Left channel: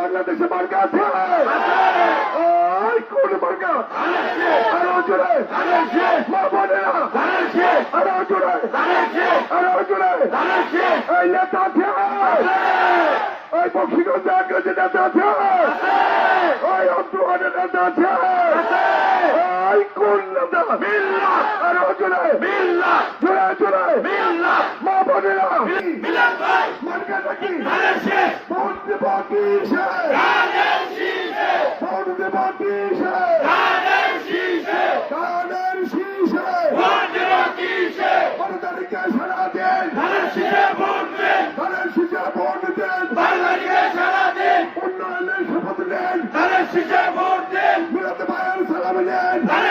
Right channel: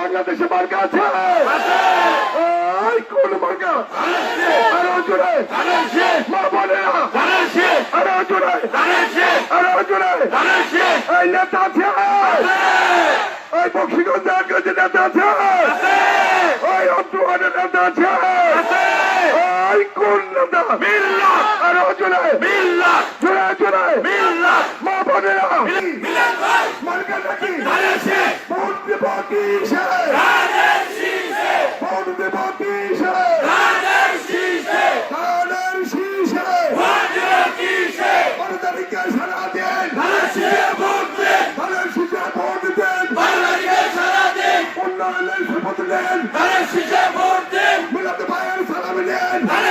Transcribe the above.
বাংলাদেশে মার্কা আছে। কোন মার্কা? আরও জোরে। মা বোনেরা আরও জোরে। আরও জোরে। এই নেতা আছে। ওই বক্সিগঞ্জ আগ্রজে নেতা আছে। ওই অব্দুয়ানের নেতা আছে। ওই কোন নেতা? আরও জোরে। জোরে জোরে। মা বোনেরা মার্কা নাকি Batista! Kader Şişe! Bonde Batista! Kader Şişe! Kader Şişe! Bonde Batista! Banadarike sana den! Kader Şişe bonde! Kader Şişe bonde den! Banadarike sana den! Onlarla şefaat den! Kader Şişe bonde! Murat Bayar salam den! Kader